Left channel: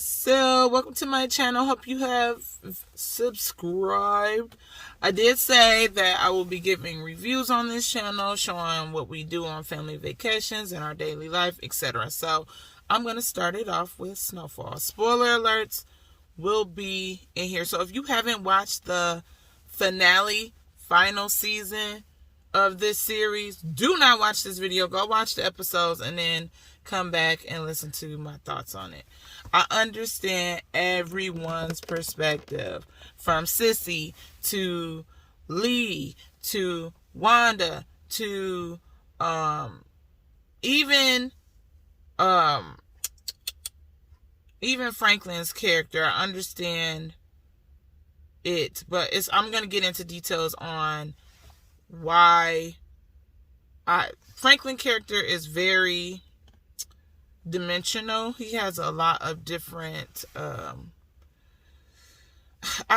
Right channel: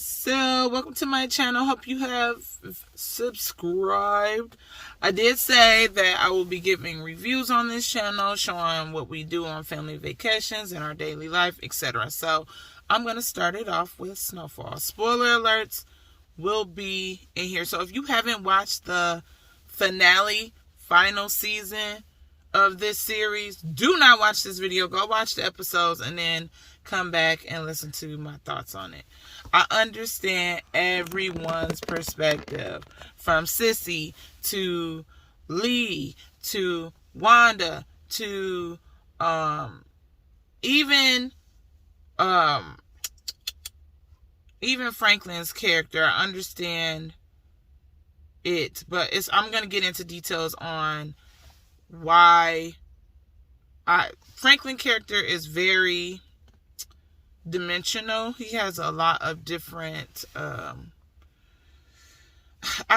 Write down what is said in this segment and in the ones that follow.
So, welcome to my channel. Hope you have subscribed. I did say that I will be giving reviews on this channel, showing what we do on family vacations and our daily life, etc. So, I'm going to start it off with Snowfall. Spoiler alerts will be in here. So, if you haven't watched the final season of this series, do not watch this video. Go watch the episodes and then come back and listen to my thoughts on it. I understand everyone's perspective, from Sissy to Lee to Wanda to even Franklin's character. I understand it, but I'm gonna get into details on why Franklin character is very dimensional. He has a lot of different I'll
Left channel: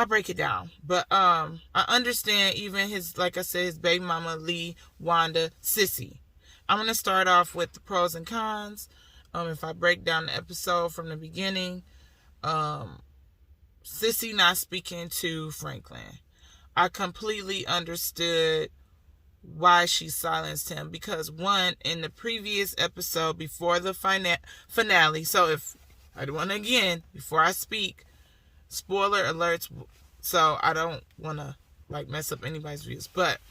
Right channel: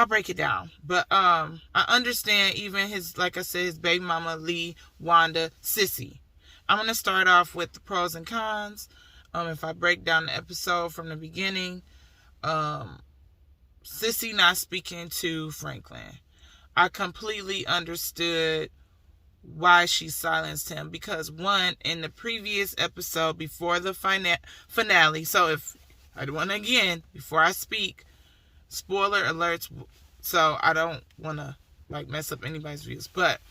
break it down, but I understand even his, like I said, his baby mama, Lee, Wanda, Sissy. I'm gonna start off with the pros and cons. If I break down the episode from the beginning, Sissy not speaking to Franklin, I completely understood why she silenced him, because one, in the previous episode before the finale, so if I want to, again, before I speak, spoiler alerts, so I don't want to mess up anybody's views, but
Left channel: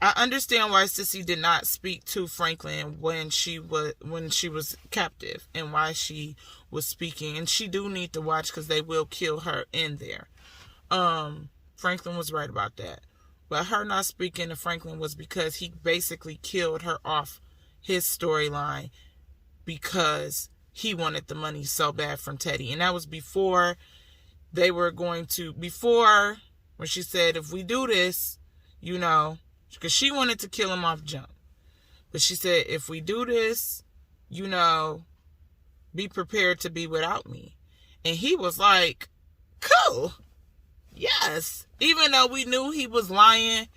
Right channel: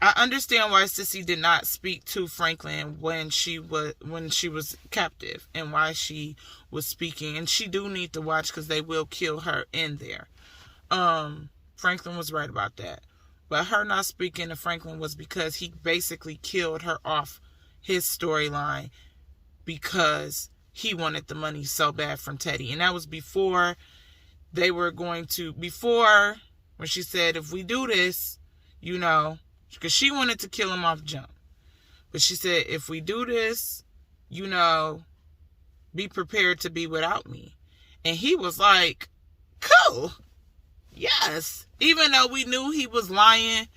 I understand why Sissy did not speak to Franklin when she was captive, and why she was speaking, and she do need to watch, because they will kill her in there. Franklin was right about that. But her not speaking to Franklin was because he basically killed her off his storyline because he wanted the money so bad from Teddy. And that was before when she said, if we do this, because she wanted to kill him off jump. But she said, if we do this, be prepared to be without me. And he was like, cool. Yes. Even though we knew he was lying,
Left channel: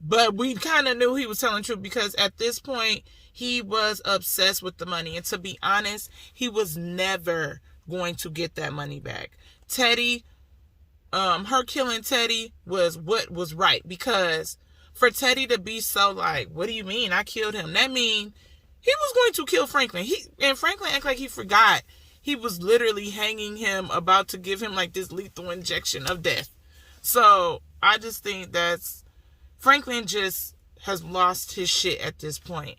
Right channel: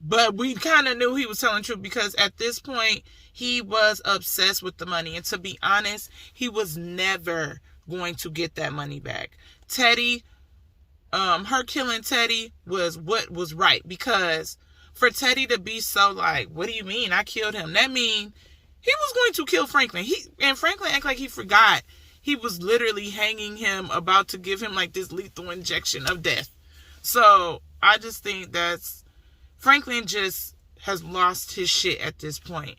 but we kind of knew he was telling the truth, because at this point, he was obsessed with the money. And to be honest, he was never going to get that money back. Teddy, her killing Teddy was what was right, because for Teddy to be so like, what do you mean I killed him? That mean he was going to kill Franklin. And Franklin acted like he forgot. He was literally hanging him, about to give him this lethal injection of death. So I just think Franklin just has lost his shit at this point.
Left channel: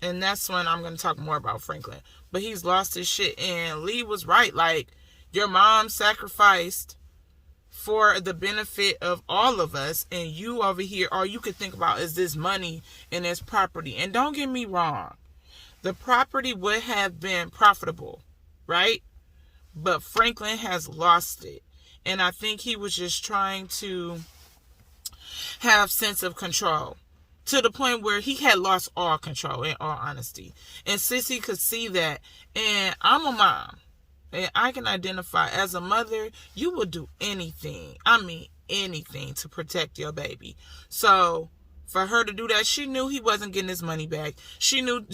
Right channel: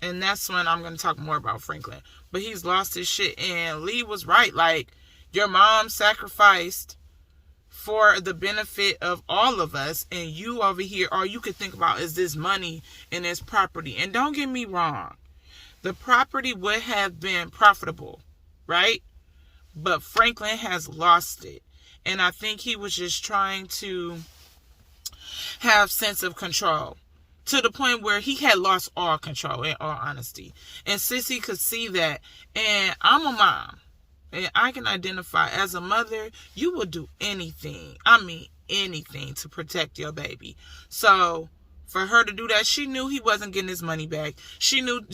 And that's when I'm going to talk more about Franklin. But he's lost his shit. And Lee was right. Your mom sacrificed for the benefit of all of us. And you over here, all you could think about is this money and this property. And don't get me wrong. The property would have been profitable, right? But Franklin has lost it. And I think he was just trying to have sense of control, to the point where he had lost all control, in all honesty. And Sissy could see that. And I'm a mom, and I can identify, as a mother, you will do anything. I mean anything to protect your baby. So for her to do that, she knew he wasn't getting his money back. She knew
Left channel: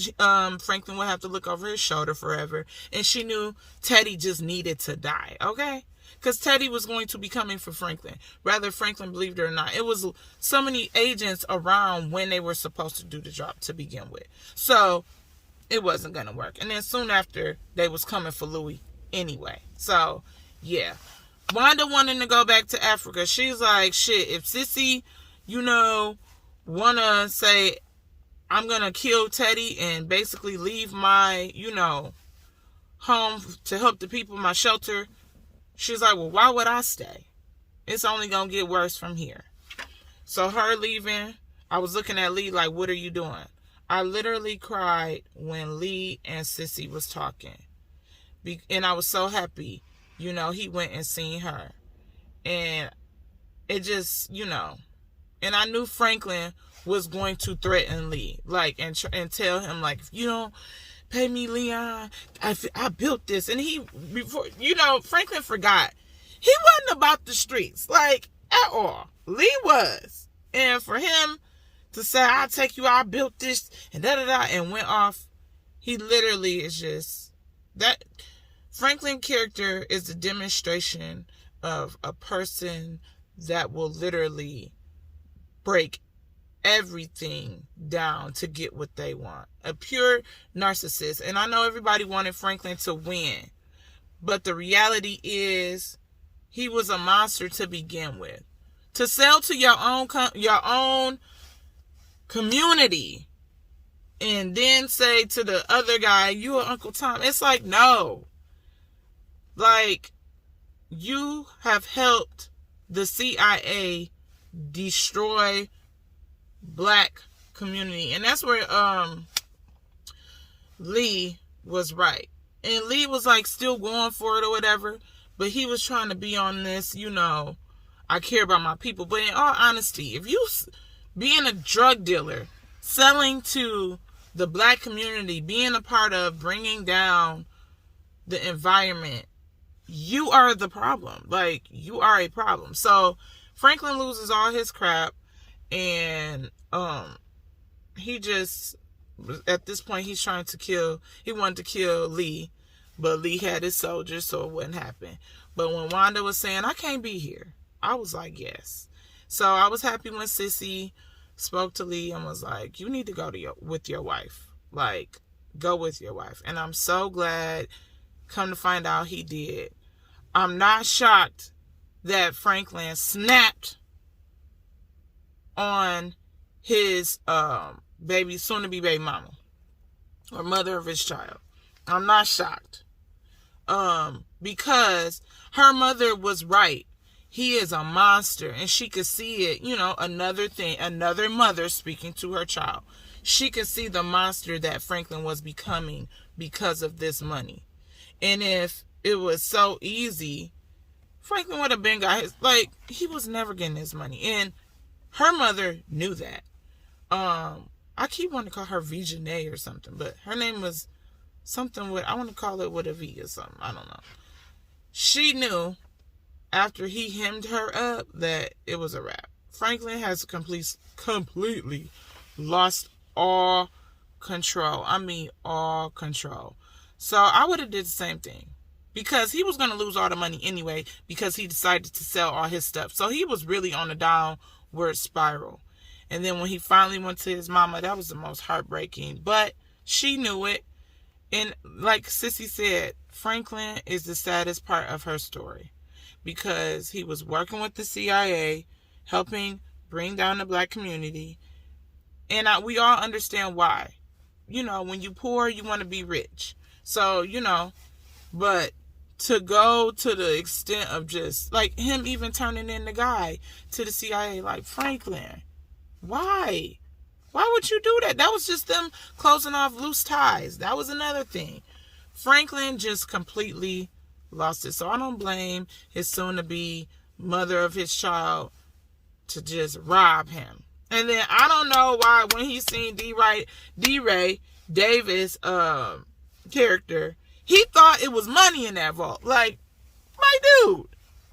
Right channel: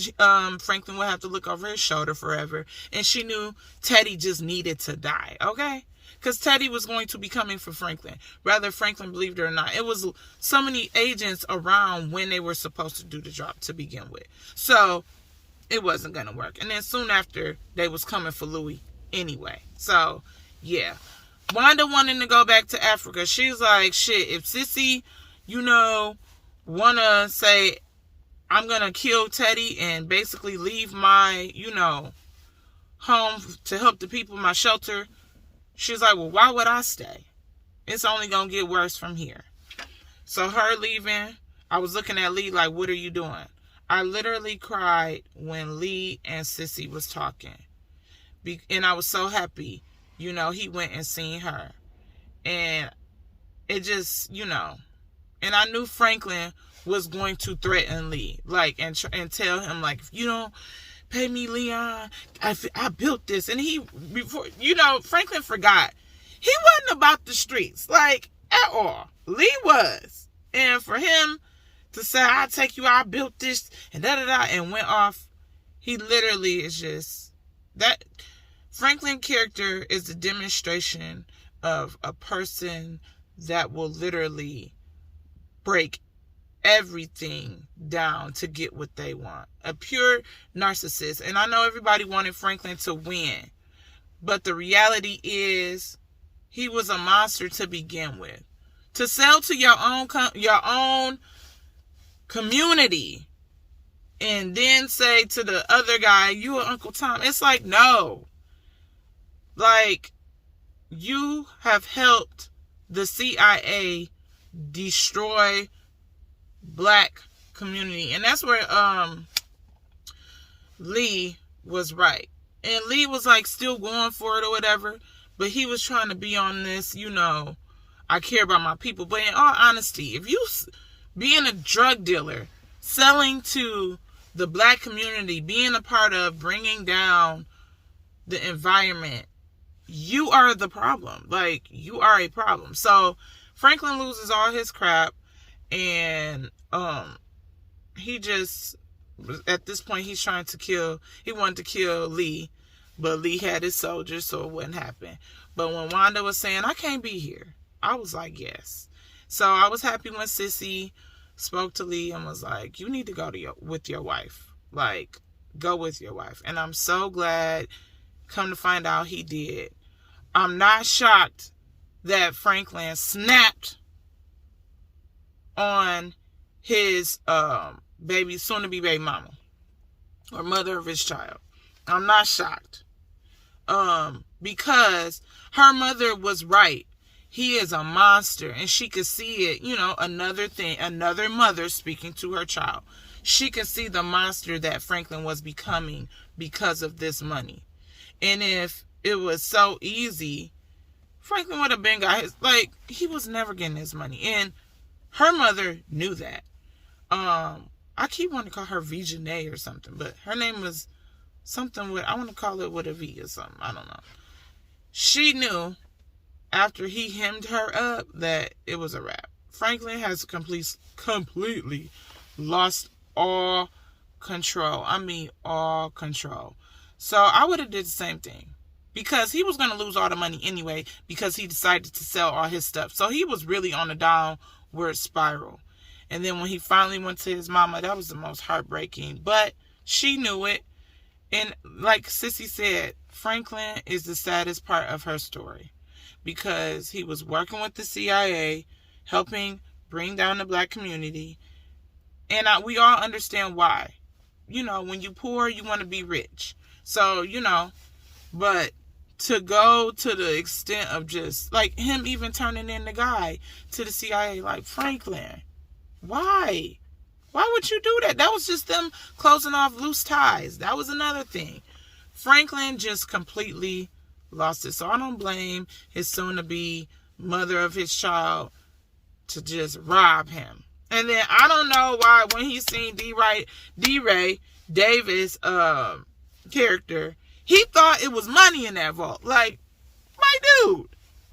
Franklin would have to look over his shoulder forever. And she knew Teddy just needed to die, okay? Because Teddy was going to be coming for Franklin, whether Franklin believed it or not. It was so many agents around when they were supposed to do the job to begin with. So it wasn't going to work. And then soon after, they was coming for Louis anyway. So, yeah. Wanda wanting to go back to Africa. She was like, shit, if Sissy, want to say, I'm going to kill Teddy and basically leave my, home to help the people, my shelter. She's like, well, why would I stay? It's only going to get worse from here. So her leaving, I was looking at Lee like, what are you doing? I literally cried when Lee and Sissy was talking. And I was so happy, he went and seen her. And it just, and I knew Franklin was going to threaten Lee, and tell him, if you don't pay me, Leon, I built this. And Franklin forgot. He wasn't about the streets, at all. Lee was. And for him to say, I'll take you, I built this, and da-da-da, and went off, he literally is just, that Franklin's character is a demonstration of a person that will literally break everything down to get what they want. A pure narcissist. And I know everybody wanted Franklin to win, but the reality is he was a monster to begin with. To sell to your own community and then say to the other guy, you are Uncle Tom. It's like, no. Like, you have helped the CIA destroy black community. And that's where Lee was right. And Lee was like still going for it or whatever, but he was trying to be on this, I care about my people. But in all honesty, if you being a drug dealer, selling to the black community, being a part of bringing down the environment, you are the problem. Like, you are a problem. So Franklin loses all his crap, and he just, at this point, he wanted to kill Lee, but Lee had his soldiers, so it wouldn't happen. But when Wanda was saying, I can't be here, I was like, yes. So I was happy when Sissy spoke to Lee and was like, you need to go with your wife. Like, go with your wife. And I'm so glad, come to find out, he did. I'm not shocked that Franklin snapped on his soon-to-be baby mama, or mother of his child. I'm not shocked. Because her mother was right. He is a monster, and she could see it, another mother speaking to her child. She could see the monster that Franklin was becoming because of this money. And if it was so easy, Franklin would have been he was never getting his money. And her mother knew that. I keep wanting to call her Vigenay or something, but her name was something I want to call it with a V or something. I don't know. She knew after he hemmed her up that it was a wrap. Franklin has completely lost all control. I mean, all control. So I would have did the same thing, because he was going to lose all the money anyway, because he decided to sell all his stuff. So he was really on a downward spiral. And then when he finally went to his mama, that was the most heartbreaking. But she knew it. And like Sissy said, Franklin is the saddest part of her story, because he was working with the CIA, helping bring down the black community. And we all understand why. When you poor, you want to be rich. So, but to go to the extent of just, like, him even turning in the guy to the CIA, like, Franklin, why? Why would you do that? That was just them closing off loose ties. That was another thing. Franklin just completely lost it. So I don't blame his soon-to-be mother of his child to just rob him. And then I don't know why when he seen D-Ray Davis character, he thought it was money in that vault. Like, my dude,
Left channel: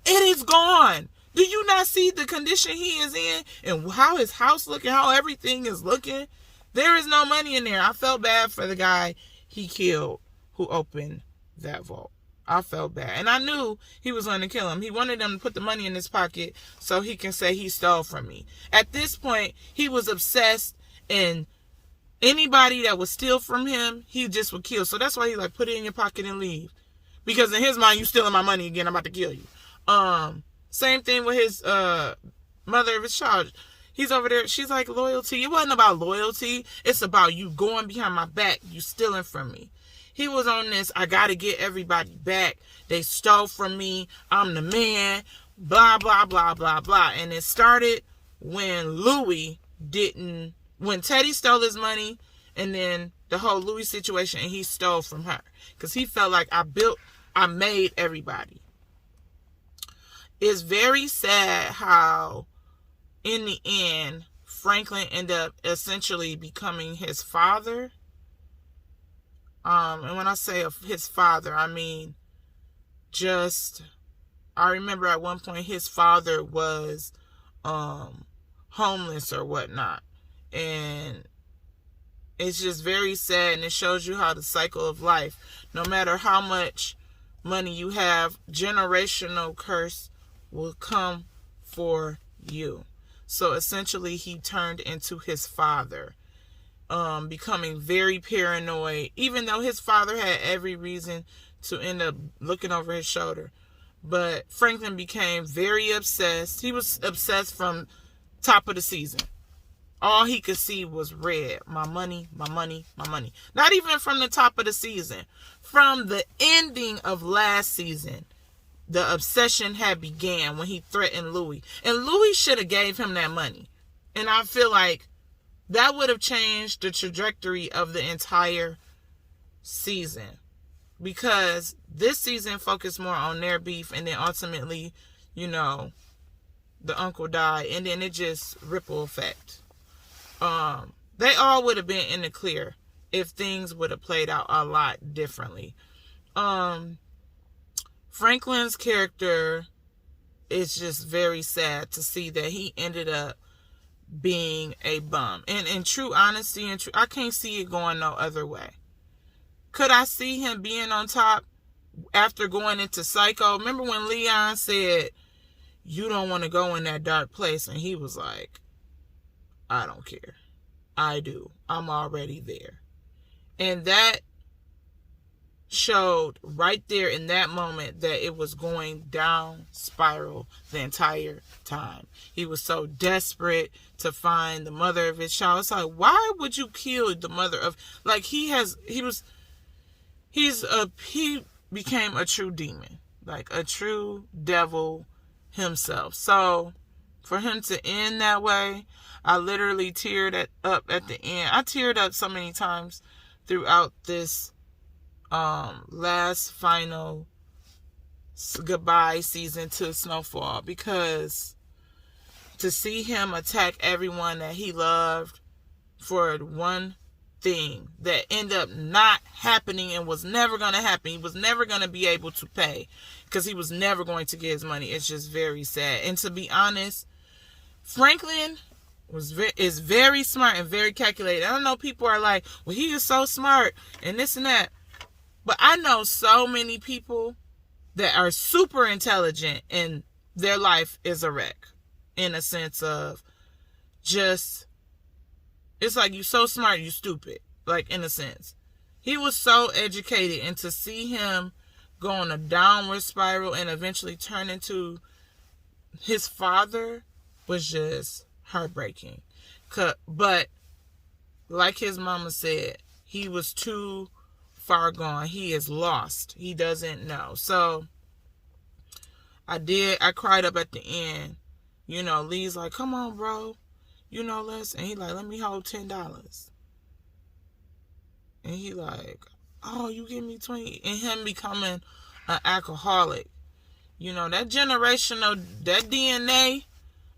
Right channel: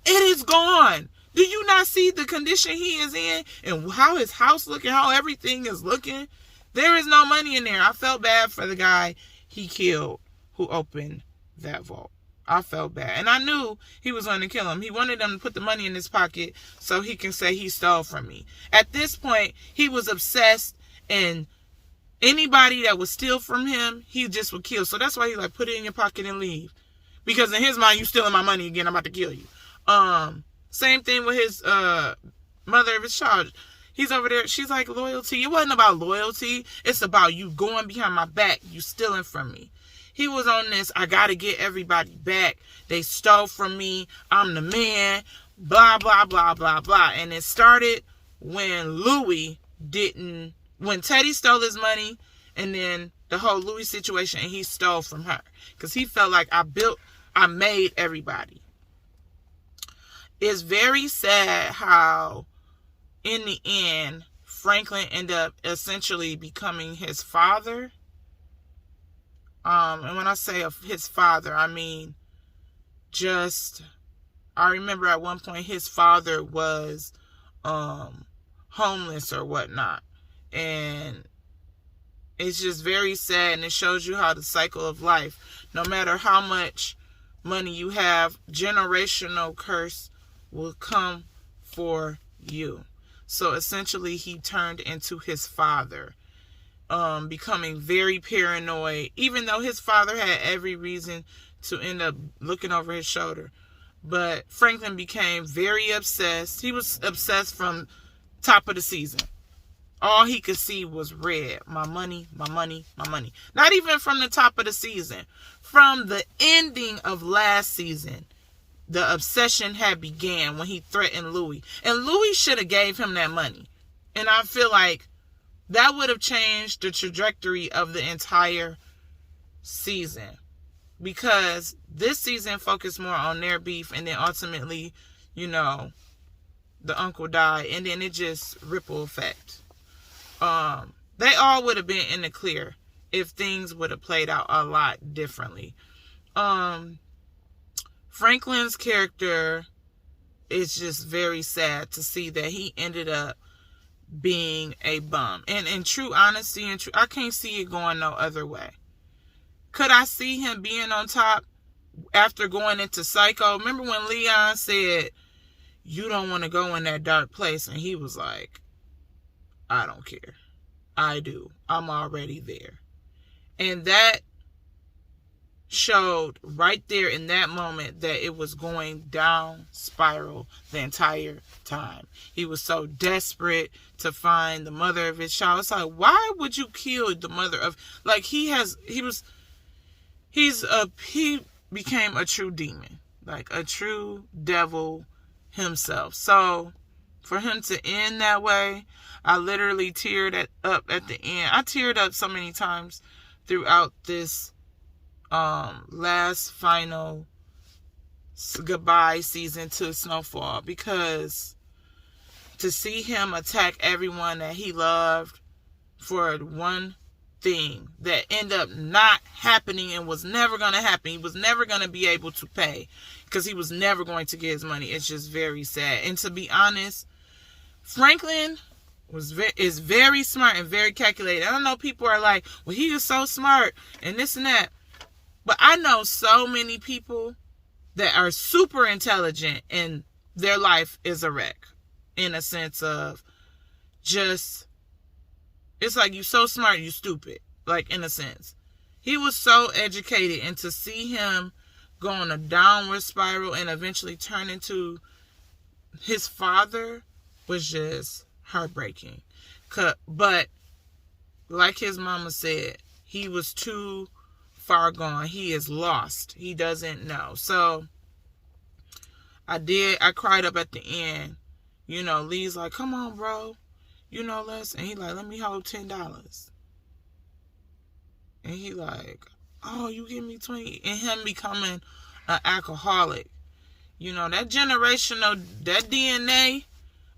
it is gone. Do you not see the condition he is in and how his house looking, how everything is looking? There is no money in there. I felt bad for the guy he killed who opened that vault. I felt bad. And I knew he was going to kill him. He wanted them to put the money in his pocket so he can say he stole from me. At this point, he was obsessed, and anybody that would steal from him, he just would kill. So that's why he put it in your pocket and leave. Because in his mind, you stealing my money again, I'm about to kill you. Same thing with his mother of his child. He's over there. She's like, loyalty. It wasn't about loyalty. It's about you going behind my back. You stealing from me. He was on this, I got to get everybody back. They stole from me. I'm the man. Blah, blah, blah, blah, blah. And it started when when Teddy stole his money, and then the whole Louis situation, and he stole from her. Because he felt like I made everybody. It's very sad how, in the end, Franklin ended up essentially becoming his father. And when I say of his father, I mean, I remember at one point his father was homeless or whatnot. And it's just very sad, and it shows you how the cycle of life, no matter how much money you have, generational curse will come for you. So essentially he turned into his father, becoming very paranoid, even though his father had every reason to end up looking over his shoulder. But Franklin became very obsessed. He was obsessed from top of the season. All he could see was red. My money, my money, my money. Not even from the top of the season. From the ending of last season, the obsession had began when he threatened Louis. And Louis should have gave him that money. And I feel like that would have changed the trajectory of the entire season. Because this season focused more on their beef, and then ultimately, you know, the uncle died, and then it just ripple effect. They all would have been in the clear if things would have played out a lot differently. Franklin's character is just very sad to see that he ended up being a bum. And in true honesty, I can't see it going no other way. Could I see him being on top after going into Psycho? Remember when Leon said, "You don't want to go in that dark place," and he was like, "I don't care. I do. I'm already there." And that showed right there in that moment that it was going down spiral the entire time. He was so desperate to find the mother of his child. It's like, why would you kill the mother of, like, he became a true demon, like a true devil himself. So for him to end that way, I literally teared up at the end. I teared up so many times throughout this last final goodbye season to Snowfall, because to see him attack everyone that he loved for one thing that ended up not happening and was never going to happen. He was never going to be able to pay because he was never going to get his money. It's just very sad. And to be honest, Franklin is very smart and very calculated. I don't know, people are like, well, he is so smart and this and that. But I know so many people that are super intelligent and their life is a wreck, in a sense of just, it's like, you so smart, you stupid, like, in a sense. He was so educated, and to see him go on a downward spiral and eventually turn into his father was just heartbreaking. But like his mama said, he was too far gone. He is lost. He doesn't know. So I cried up at the end. You know, Lee's like, "Come on, bro. You know, let's," and he like, "Let me hold $10. And he like, "Oh, you give me 20. And him becoming an alcoholic. You know, that generational, that DNA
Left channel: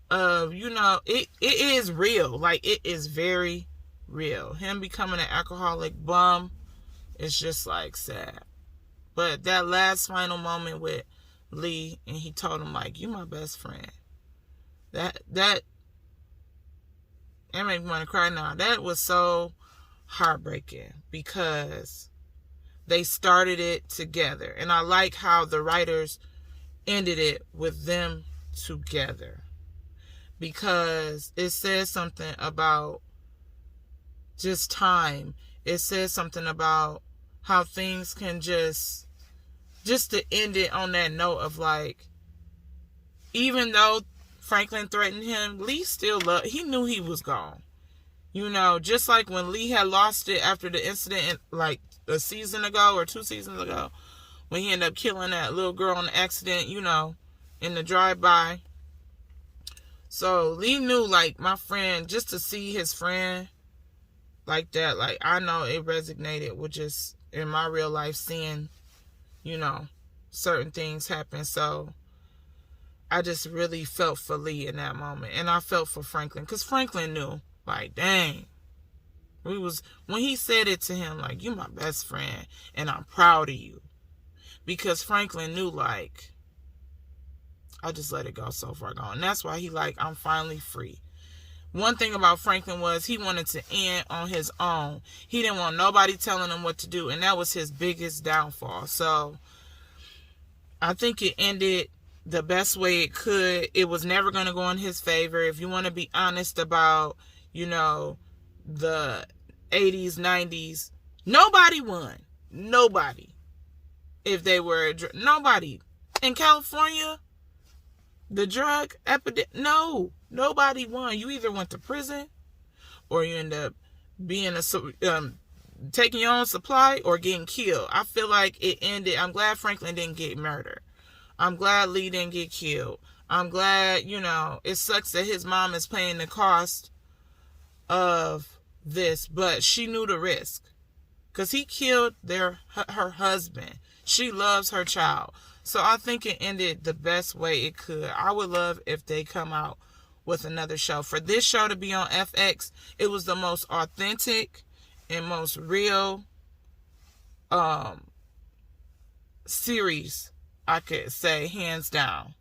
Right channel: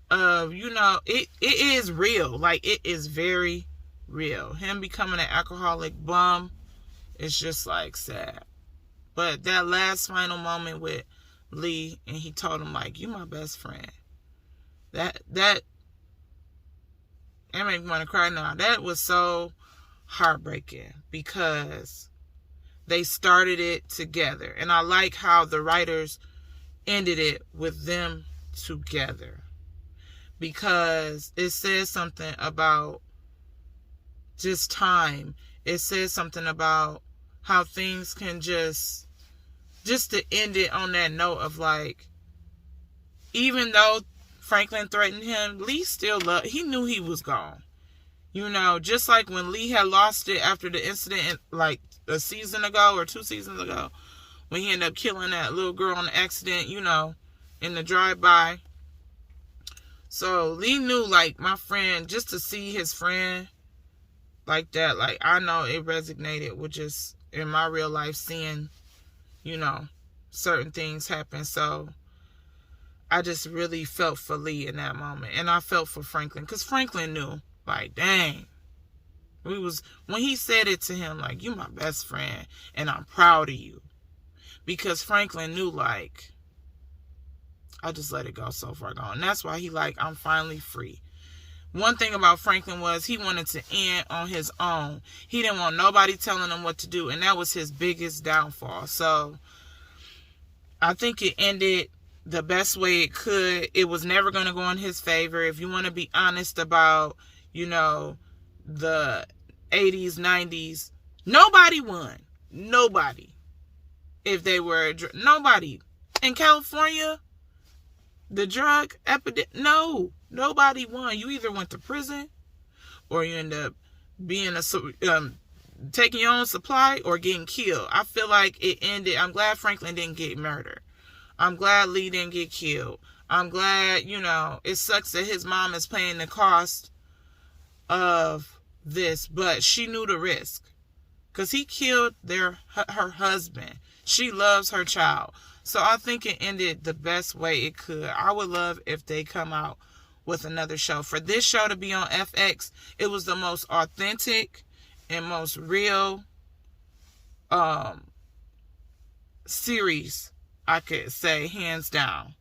of, you know, it is real. Like, it is very real. Him becoming an alcoholic bum, it's just like sad. But that last final moment with Lee, and he told him, like, "You my best friend." That made me want to cry now. That was so heartbreaking because they started it together. And I like how the writers ended it with them together, because it says something about just time. It says something about how things can just to end it on that note of, like, even though Franklin threatened him, Lee still loved, he knew he was gone. You know, just like when Lee had lost it after the incident, like a season ago or 2 seasons ago, when he ended up killing that little girl on the accident, you know, in the drive-by. So Lee knew, like, my friend, just to see his friend like that, like, I know it resonated with just in my real life seeing, you know, certain things happen. So I just really felt for Lee in that moment. And I felt for Franklin, because Franklin knew, like, dang. When he said it to him, like, "You my best friend, and I'm proud of you." Because Franklin knew, like, I just let it go so far gone. And that's why he, like, I'm finally free. One thing about Franklin was he wanted to end on his own. He didn't want nobody telling him what to do. And that was his biggest downfall. So I think it ended the best way it could. It was never going to go in his favor. If you want to be honest about, the 80s, 90s, nobody won. Nobody. If they were, nobody. In California, the drug epidemic, no, nobody won. You either went to prison or you end up being taking your own supply or getting killed. I feel like it ended. I'm glad Franklin didn't get murdered. I'm glad Lee didn't get killed. I'm glad, it sucks that his mom is paying the cost of this, but she knew the risk because he killed her husband. She loves her child. So I think it ended the best way it could. I would love if they come out with another show. For this show to be on FX, it was the most authentic and most real series, I could say, hands down.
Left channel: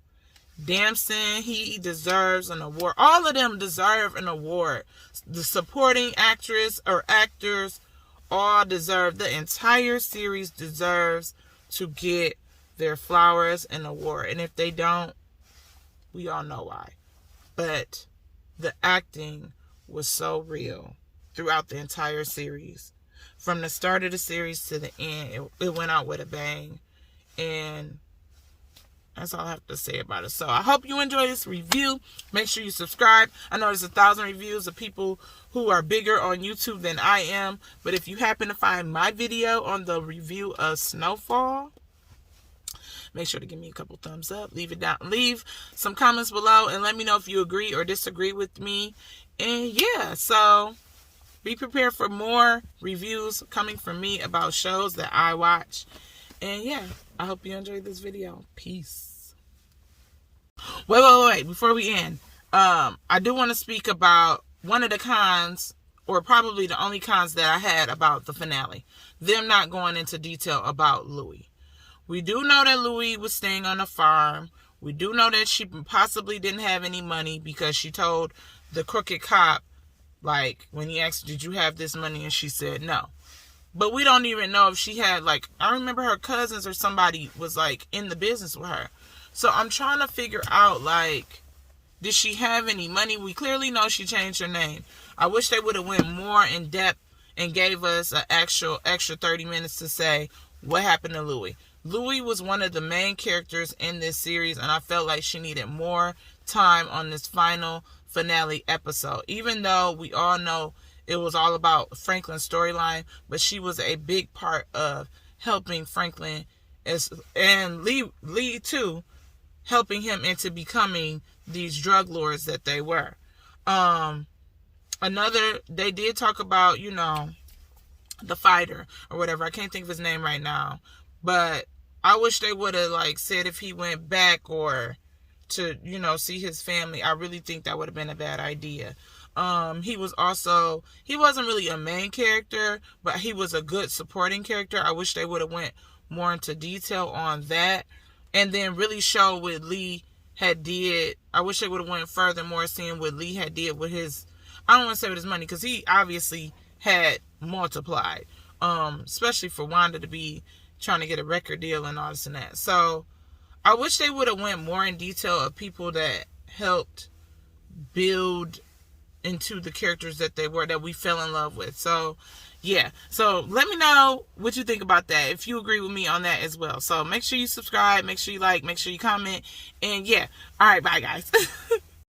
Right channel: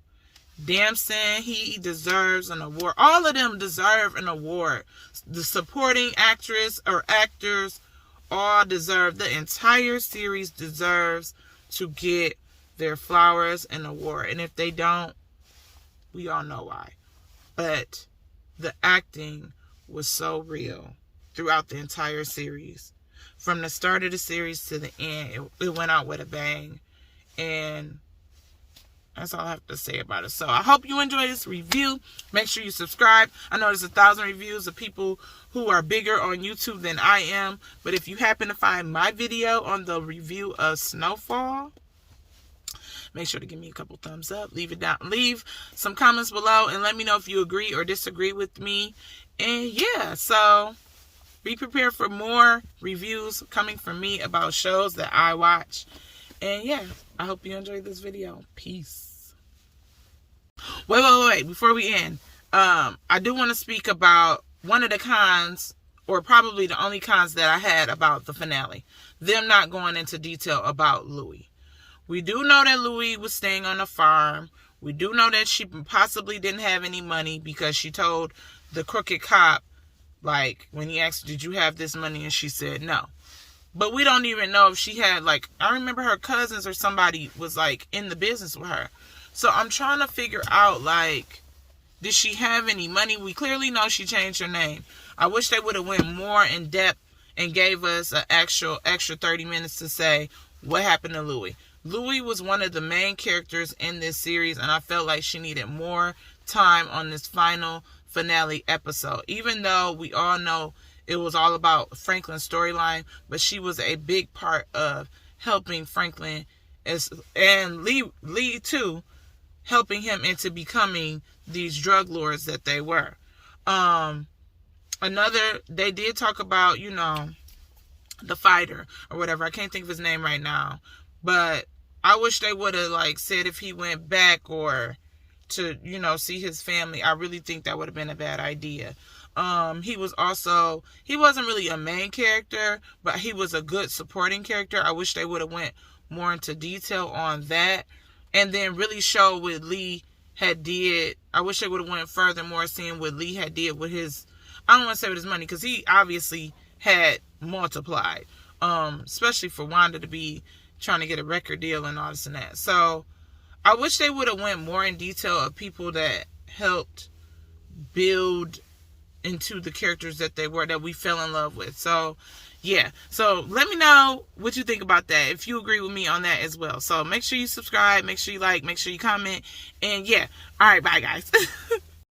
Damson, he deserves an award. All of them deserve an award. The supporting actress or actors all deserve. The entire series deserves to get their flowers and award. And if they don't, we all know why. But the acting was so real throughout the entire series. From the start of the series to the end, it went out with a bang. And that's all I have to say about it. So I hope you enjoy this review. Make sure you subscribe. I know there's 1,000 reviews of people who are bigger on YouTube than I am. But if you happen to find my video on the review of Snowfall, make sure to give me a couple thumbs up. Leave it down. Leave some comments below and let me know if you agree or disagree with me. And yeah, so be prepared for more reviews coming from me about shows that I watch. And yeah, I hope you enjoyed this video. Peace. Wait. Before we end, I do want to speak about one of the cons, or probably the only cons that I had about the finale. Them not going into detail about Louie. We do know that Louie was staying on a farm. We do know that she possibly didn't have any money because she told the crooked cop, like, when he asked, did you have this money? And she said no. But we don't even know if she had, like, I remember her cousins or somebody was, like, in the business with her. So I'm trying to figure out, like, did she have any money? We clearly know she changed her name. I wish they would have went more in depth and gave us an extra 30 minutes to say what happened to Louie. Louie was one of the main characters in this series, and I felt like she needed more time on this final finale episode. Even though we all know it was all about Franklin's storyline, but she was a big part of helping Franklin and Lee too, helping him into becoming these drug lords that they were. They did talk about, the fighter or whatever. I can't think of his name right now. But I wish they would have, like, said if he went back or to, see his family. I really think that would have been a bad idea. He wasn't really a main character, but he was a good supporting character. I wish they would have went more into detail on that. And then really show what Lee had did. I wish they would have went further more seeing what Lee had did with his, I don't want to say with his money, because he obviously had multiplied. Especially for Wanda to be trying to get a record deal and all this and that. So I wish they would have went more in detail of people that helped build into the characters that they were, that we fell in love with. So yeah, so let me know what you think about that, if you agree with me on that as well. So make sure you subscribe, make sure you like, make sure you comment, and yeah, all right, bye guys.